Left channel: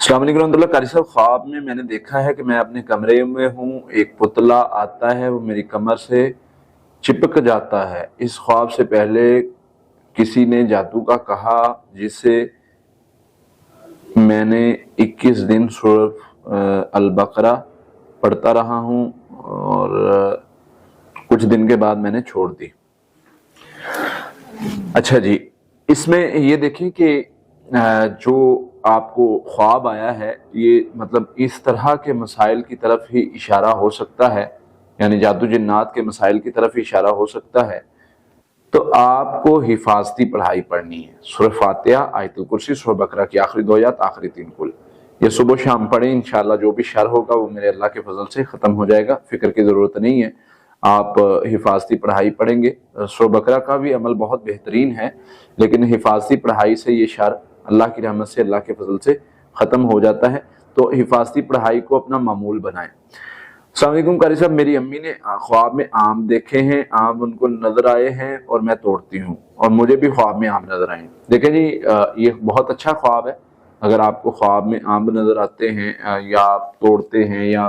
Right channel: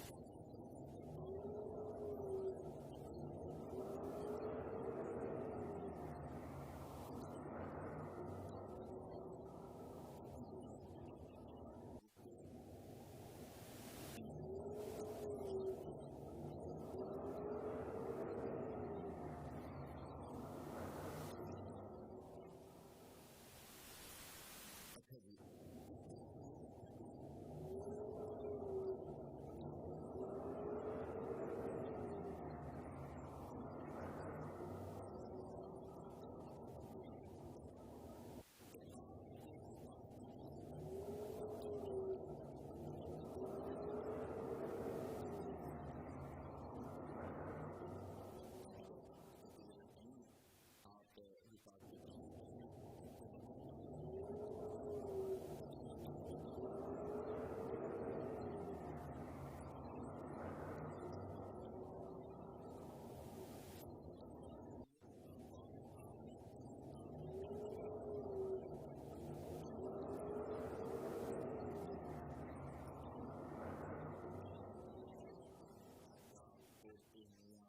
السلام علیکم ورحمۃ اللہ۔ قاری صاحب، خواب میں نے دیکھا ہے کہ میں اپنے کمرے میں ہوں، ایک پتلا آتا ہے، وہ میری کمر سے چپک جاتا ہے۔ اس خواب سے پہلے کسی نے جادو کا کہا، جس سے میں نے 21 دن سورۃ البقرہ پڑھتا رہا ہوں اور کچھ دن کے بعد میں نے چھوڑ دی۔ اچھا جی، اس میں یہ دیکھیں کہ جو آپ کو خواب آیا ہے، یہ مطلب اس طرح کے مسائل کی طرف ہی اشارہ ہو سکتا ہے، یعنی جادو جنات کے مسائل کی طرف ہی اشارہ ہو سکتا ہے۔ تو آپ کو حفاظتی پڑھائی پڑھنی ہے، سورہ فاتحہ، آیت الکرسی، سورہ بقرہ کی آخری 2 آیات، آخری 3 کل، یہ صبح و شام پڑھیں۔ انشاءاللہ جو بھی شر ہوگا وہ میرے اللہ کے فضل سے ختم ہو جائے گا، فکر کی ضرورت نہیں ہے۔ آپ حفاظتی پڑھائی پڑھیں گے۔ سورہ بقرہ کا بھی عمل بہت بہترین ہے، لیکن حفاظتی پڑھائی سے یہ شر اللہ کی رحمت سے، اللہ کے فضل سے ختم ہو جاتا ہے۔ تو حفاظتی پڑھائی کو اپنا معمول بنائیں۔ السلام علیکم قاری صاحب، میری امی نے خواب میں آم دیکھے ہیں، آم ان کو نظر آئے ہیں اور میں توڑتی ہوں، اور مجھے بھی خواب میں آم نظر آئے ہیں۔ دیکھیں جی، یہ بہت اچھا خواب ہے۔ اگر آپ کو خواب میں آم نظر آتے ہیں یا آپ توڑتے ہیں یا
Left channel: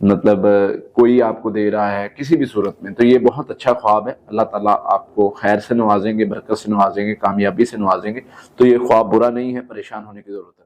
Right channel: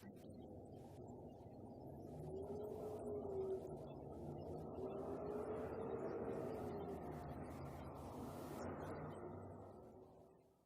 مطلب کوئی آپ کو دے رہا ہے کسی بھی صورت میں، تو یہ بہت اچھا خواب ہے۔ اللہ تعالیٰ آپ کو خیر سے نوازیں گے، برکت سے نوازیں گے، کامیابی سے نوازیں گے۔ تو یہ خواب برا نہیں ہے، پریشان ہونے کی ضرورت ہے۔